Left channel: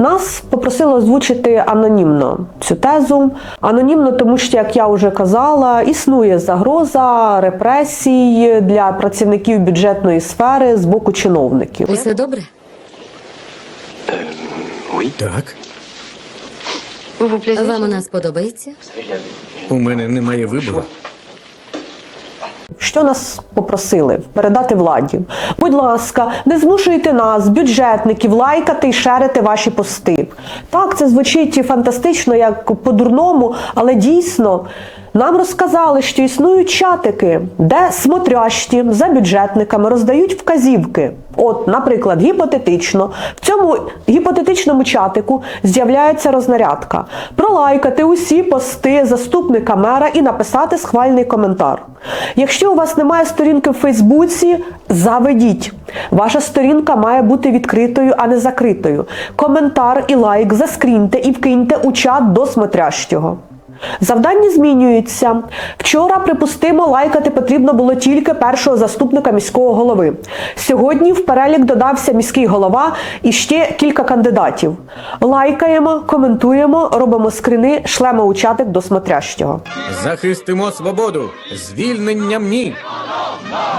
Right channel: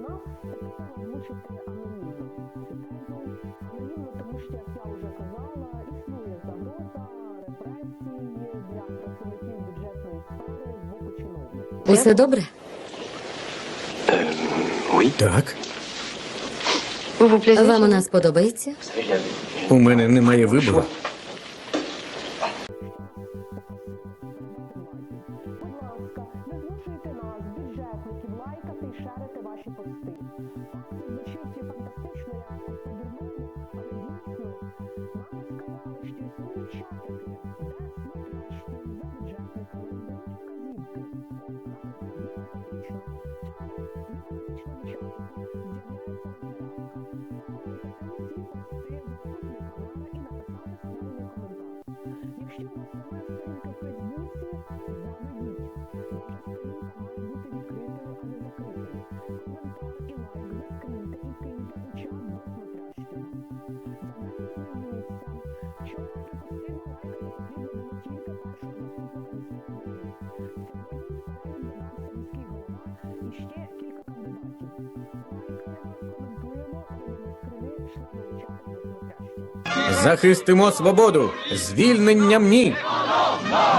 Нас попросили озвучити анонімно цю тезу. Анонімно, тому що, як я вже казала, існує загроза репресій для працівників бюджетної сфери з боку чиновників. Усе добре? Так, Вам у нас подобається? у мене немає вибору. Що нас попросили передати владі? Будь ласка, не змушуйте нас, бюджетників, лайкати і шерити ваші пости. Так, це звучить фантастично, як по-дурному, але дійсно нам розказали, що існують чатики, де смотрящі за бюджетниками роздають вказівки. От, наприклад, гіпотетично, в цьому гіпотетичному чатику з'являється рознарядка. Пролайкати усі пости заступника мера і написати схвальний коментар. Якщо у вас немає сторінки в Фейсбуці, заведіть. Ваша сторінка має бути відкритою, а не закритою. Коментар і лайк заскріньте і вкиньте у чат до смотрящого. Завдання змінюються. Вчора, припустимо, лайкати потрібно було тільки першого заступника міського голови. Сьогодні в перелік додався міський голова і ще кілька кандидатів. Лайкаємо, коментуємо, робимо скрини, шлемо у чатик до смотрящого. Захистимо свободу! Звільненням ні!